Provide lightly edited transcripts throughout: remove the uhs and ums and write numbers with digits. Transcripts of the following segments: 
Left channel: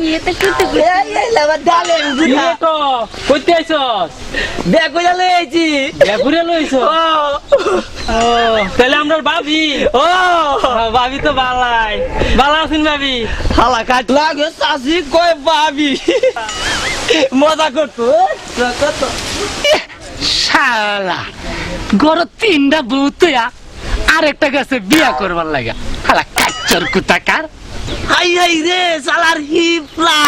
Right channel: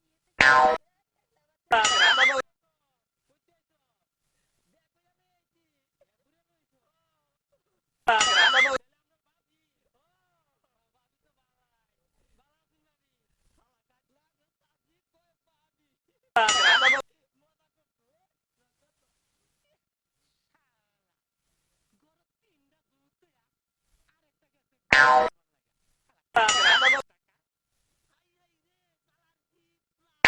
কি এটা কি এই লাবার ডালে বুঝা তো কইতে আইছস বেগুলা লইছি বেগুরে লইছো ও তাহলে আমরা ভাবি ও ভাবি তো ভালাই ভালো আছেন ভাবি হালা কাট লাগে সাসি কই ভাবি মজা করতো কত শালা গড় তিনটা বউ তৈয়া আরেকটা গাছে বিয়া করবার লাগা হালা কাচ্চর কুতাকার হাই হাই রে সালার হিপলা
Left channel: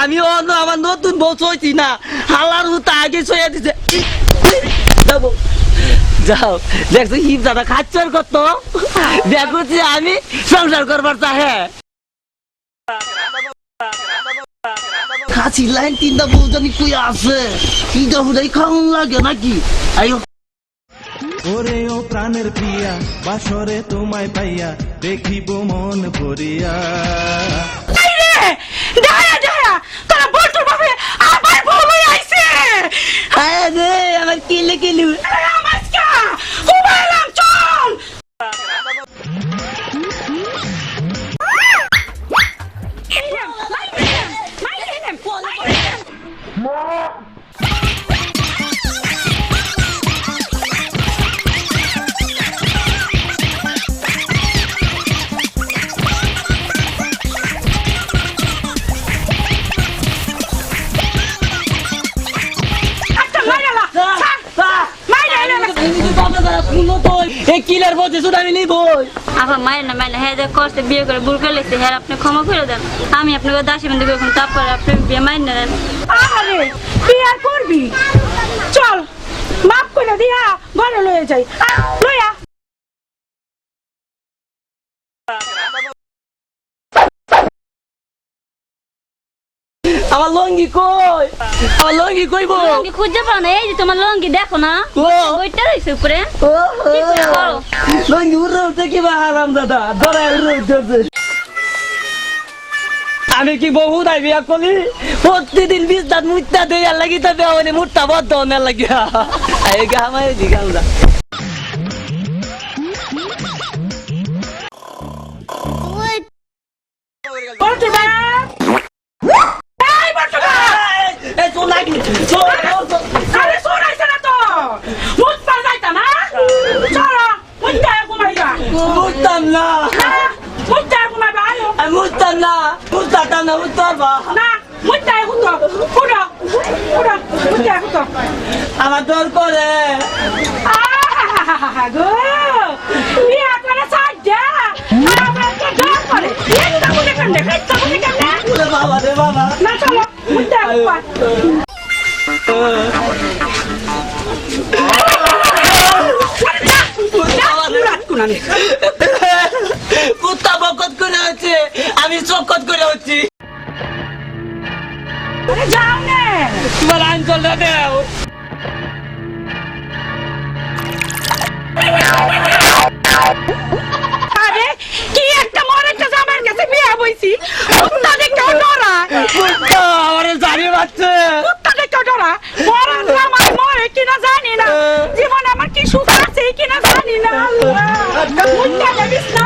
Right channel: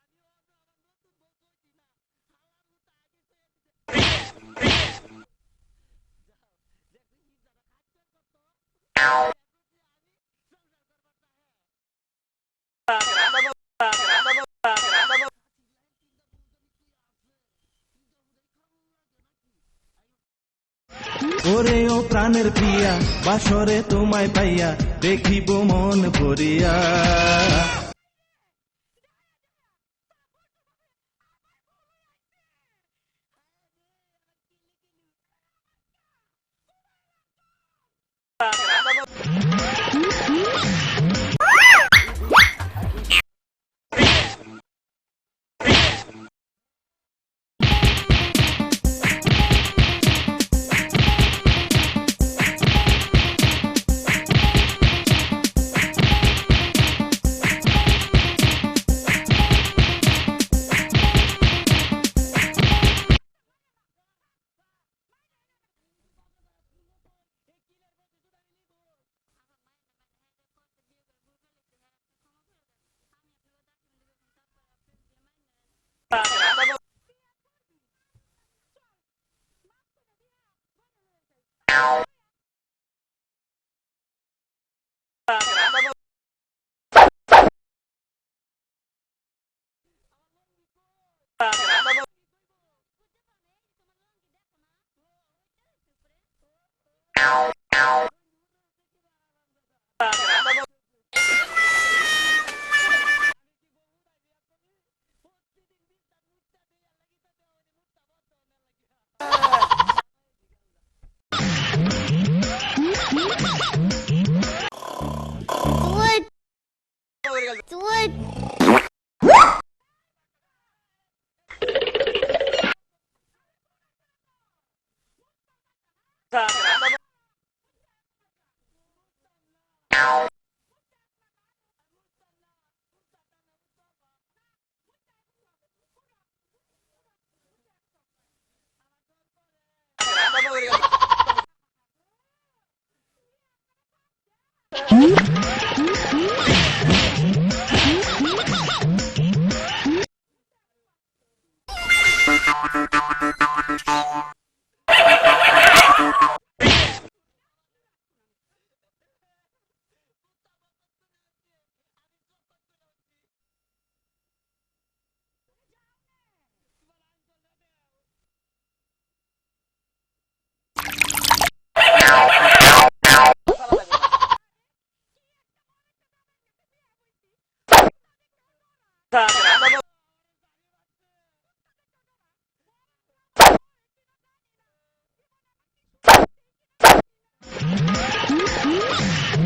আমি অন্য আমার নতুন বউ চইছি না হালার হুতা আগে সইয়া দিছে যাবো যাও দেখছো হিপ দাদা খাচ্ছর কত দেখো যে আমি সংসার করবার চাহে খাসি লাইন তিনটা বউ জানি কই আছে তিনটা হুদাই খাওয়ান লাগে নাকি আইও ওরে ও প্রাণের প্রিয়া বাসরে তোমায় পাইয়া দেখিব মন ভরিয়া আয় রে আমার কিলে কিলু কিলার বলছে শুধু আমি নিব আপা মায়ের না মায়ের হ্যাঁ কষ্টে বিয়ে করে ভুল করে লেগেছে হ্যাঁ আপনি ক্ষমা করে দেন আমি আপনাকে দাসী বন্ধু করুন তারপরে আপনি বিয়ে মাইন নেন বিয়ার করবি চল মাপ করে দিয়া ঘরে লয়ে যাই লইয়া আমার লঙ্গি কই আমার লঙ্গি কইবো লঙ্গি খুঁজে পাও না এই যে তোমার লঙ্গি দেখো না বইটা রয়েছে উপরে লঙ্গি উড়ে উঠে কি বা আরাম দাদা ধরে উড়ে উঠেছে আমি কি বহু দাই বিয়া করি প্রতিদিন 20 দাঁত মুটটা দেয়ার লাগি তো বেওনে মুটটা বদ্ধ হওয়ার লাগি এই গা আমার দিগাল দা আমার দর করে বাবা রে বাবা কুত্তা বকত করে হচ্ছে আমি চকত করে হচ্ছি যাও নে তোমার আঞ্চলটা দেও আরে কি একটা মরেটা জামার কাছে বিয়া বইছি কুত্তা দেখে ডরা আমার জানি বাচ্চা কুত্তা দেখে ডরা মরার জামার মরে কিনা জানি না জীবন আমার কি সুখ আছে কিনা জানি না কুত্তা দেখিস না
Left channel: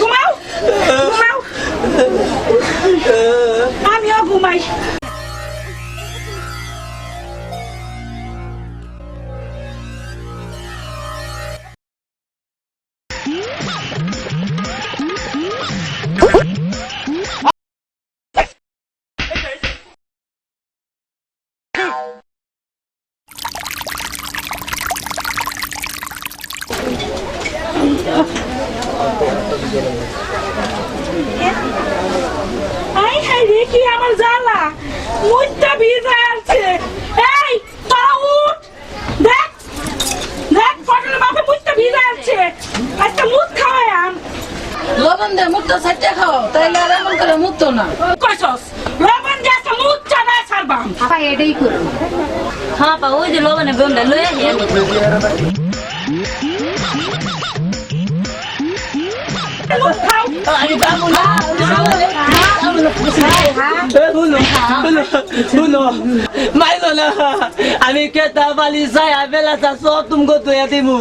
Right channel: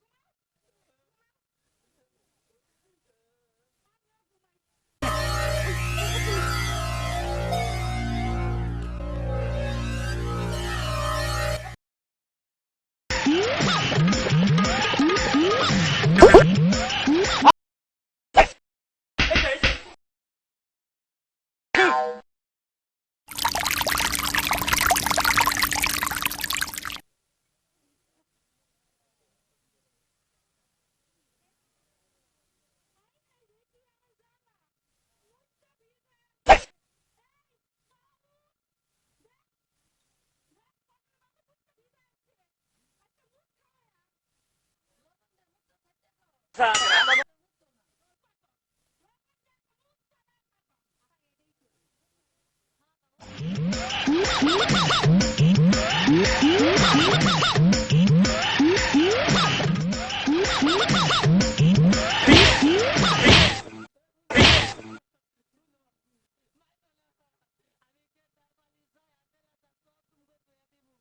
ঘুমাও ঘুমাও আমিও ঘুমাই আই হাই রে কি আমার জ্বালা মুইটা ভিজে আছে এই তোরা উঠ দেখ দেখ ফটলের বাপে মুইটা ভিজে আছে আজকে মুত খাওয়ায়াম লবণ দে মুখটা সাইডে খাও তাইলে আর এমন করে মুখতো না কইছস লবণ দিয়ে আজকে মুত চানা ছাড়বাম আপা এটাই করো হ্যাঁ পা ওই যে লবণে বন্ধে লয়ে মুত খাও মাইলো না আমি কেতা বালি সায়া বেলা সব তুমি তো দিমু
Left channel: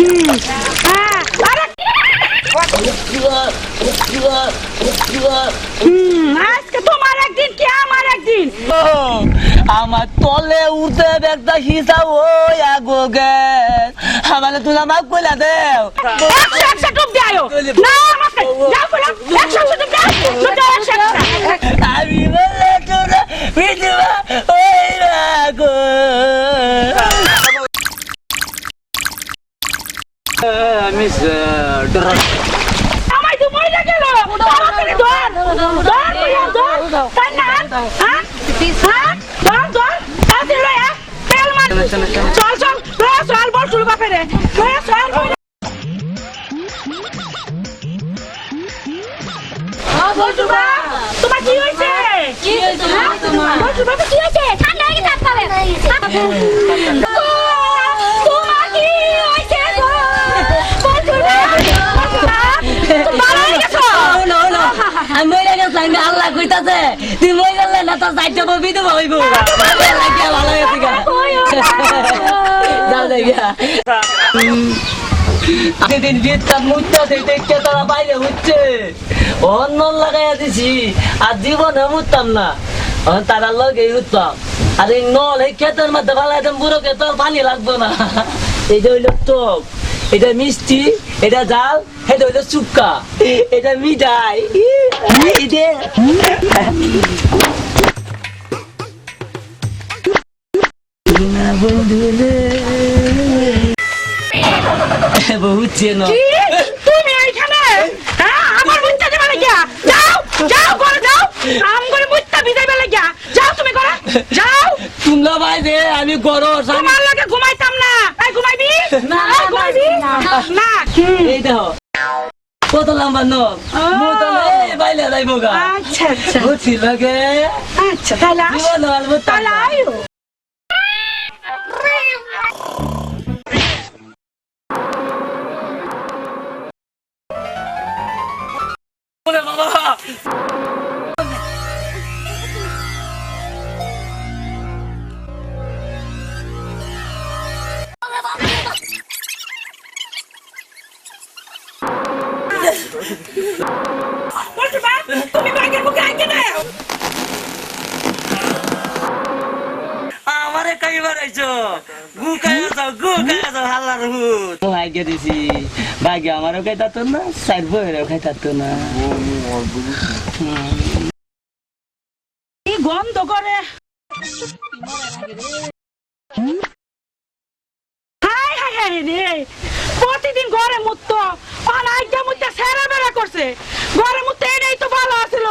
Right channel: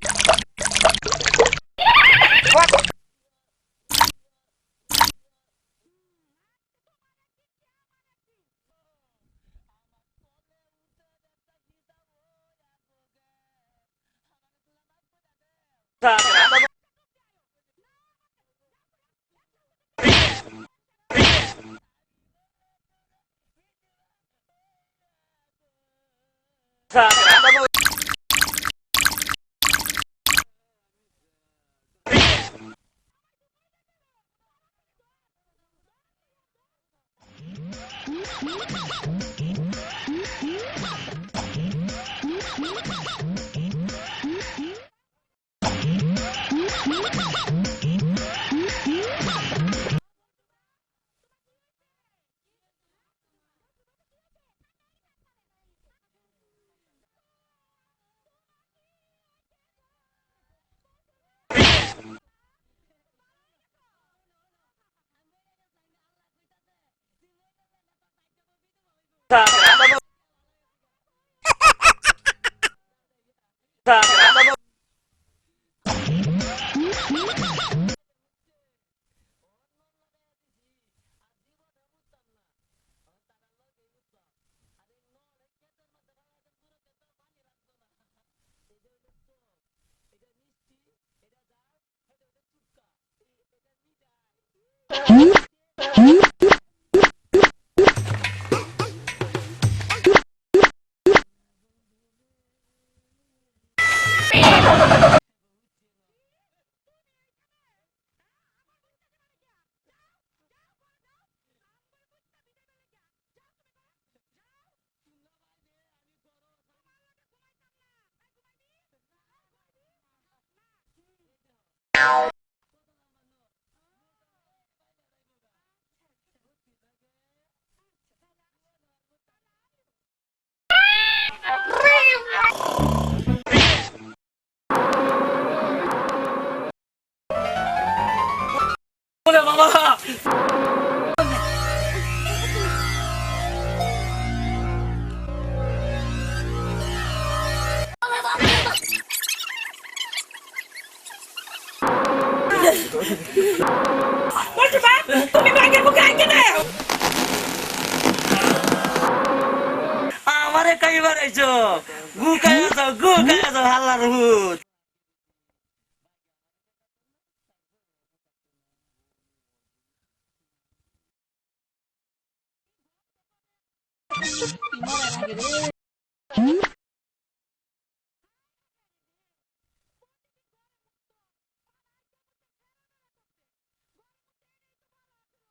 হ্যাঁ, আরে, আজকে তোমার একদিন কি আমার একদিন। আমার তলে উঠতে একটা হিসাব ওই আগো গে আমার তুই আমাকে কইলা দেও 100 ডুব দেয় না আমাকে যাও বলো 100 ডুব দেয় আমি বলে তোরা বিধবা ওই আগো আমি আমায় তো মরে গেল তাড়াতাড়ি ধর তাই না হ্যাঁ ধর তাড়াতাড়ি লয়া তেল মার চল চল বল শুরু বাপেরে চল বলছুবা তোমার কি হইছে কি হইছে তোমার? বলছুবা কি হইছে ঠান্ডা হয়ে গেছে আপনারে তোমার কি হইছে গো বলছুবা ভালো হয়ে গেছো আমি মরে গেছি আমি আল্লাহ কইতাছে তুই মরে গেলে না তোর সাইডটা ববি তো হইব ভালো হয়েছে গা যাও দেখা সেদিন জিততাম মুদ্রা দেখতে তারা বাইরে হচ্ছে অন্য লাগাইয়া দিছি আর জীবনে উঠতাম না তারা লগে উঠতাম আর এই নল এই ক্ষেতের মধ্যে বালাইতাম বুড়ো ক্ষেত পানি লাগতো না এটা হইলো টক এটা মিষ্টি এটা জাল এটা হইলো চুক্কা এটা মিঠাই বহুত চেন কি তুমি এইখানে হ্যাঁ আমার মুত্তা দেবে লাগিয়া যাও করে যাও আম করে মুত্তা বিদাইবে লাগিয়া যাও তুমি করে যাও তোমরা ভাই দে আমি গরো তোমার লগে ঘুমাইতাম না এই ঘুমাইবি না ঘুমাইবি না এই দেখো কত লম্বা নখ মোটা এই বাইলে যাইবো গা আচ্ছা বুঝছি লগে আচ্ছা তাহলে জীবন আলবো তাহলে আয়ো বাবা বলছুবা তুমি ব্যাগের মুখে আইকে দাও আমারে কাই বানাইছো গু খাইছো হাল্লার হুত তো আইগে দিছি ভাগ্য আমারও খাইতা তো না সাইড বইরেও খাইতা তো না কি গন্ধ করে হাই রে প্রতিদিন ঘরে মুত্ত অনাইটা মুত্তে সেরা বেড়া করছে ঘরে মুত্তে এটাই তো ভালো আছিল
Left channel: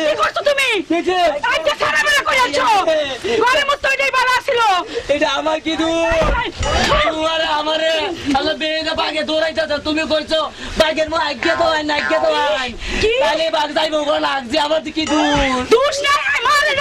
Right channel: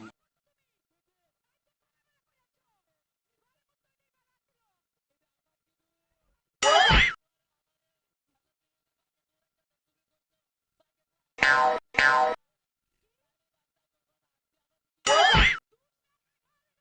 কি করছো তুমি আইটা সেরা বেড়া করে আছো ঘরে মুত্তে এটাই ভালো আছিল এটা আমার কি তোমার আমারে আল্লাহ বেরে বাগে দৌড়াইতাছ তুমি কইছো বাগের মো আগে তো আই না আগে তো আই কি? তাহলে বাগ যাইবো না আগে আমার কি দুষ না মারে